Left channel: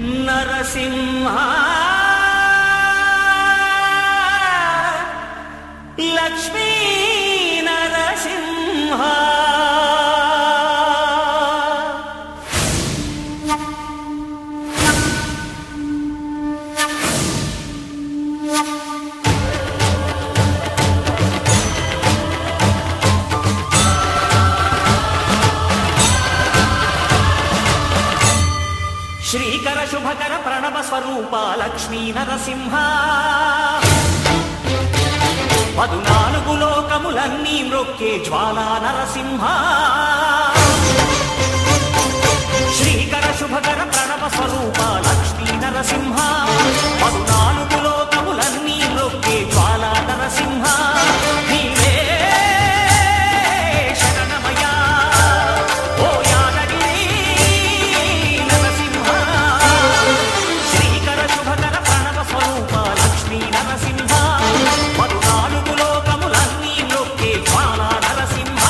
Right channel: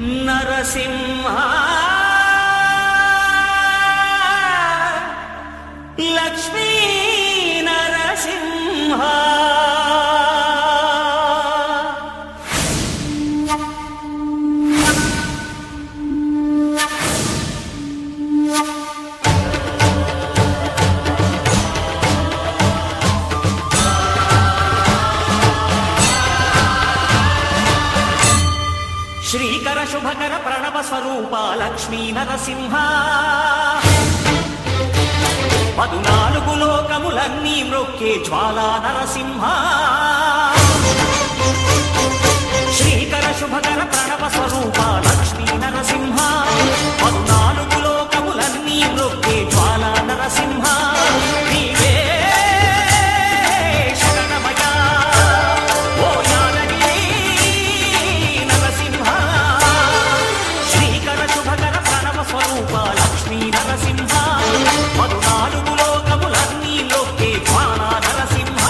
నరసింహ లక్ష్మీ నరసింహ శ్రీకర శుభకర ప్రణవ స్వరూప లక్ష్మీ నరసింహ 14 లోకములన్నీ మ్రొక్కే జ్వాలా నరసింహ శ్రీకర శుభకర ప్రణవ స్వరూప లక్ష్మీ నరసింహ 14 లోకములన్నీ మ్రొక్కే జ్వాలా నరసింహ నీవే శరణమయ్యా ఓ యాదగిరి నరసింహ శ్రీకర శుభకర ప్రణవ స్వరూప లక్ష్మీ నరసింహ 14 లోకములన్నీ మ్రొక్కే జ్వాలా నరసింహ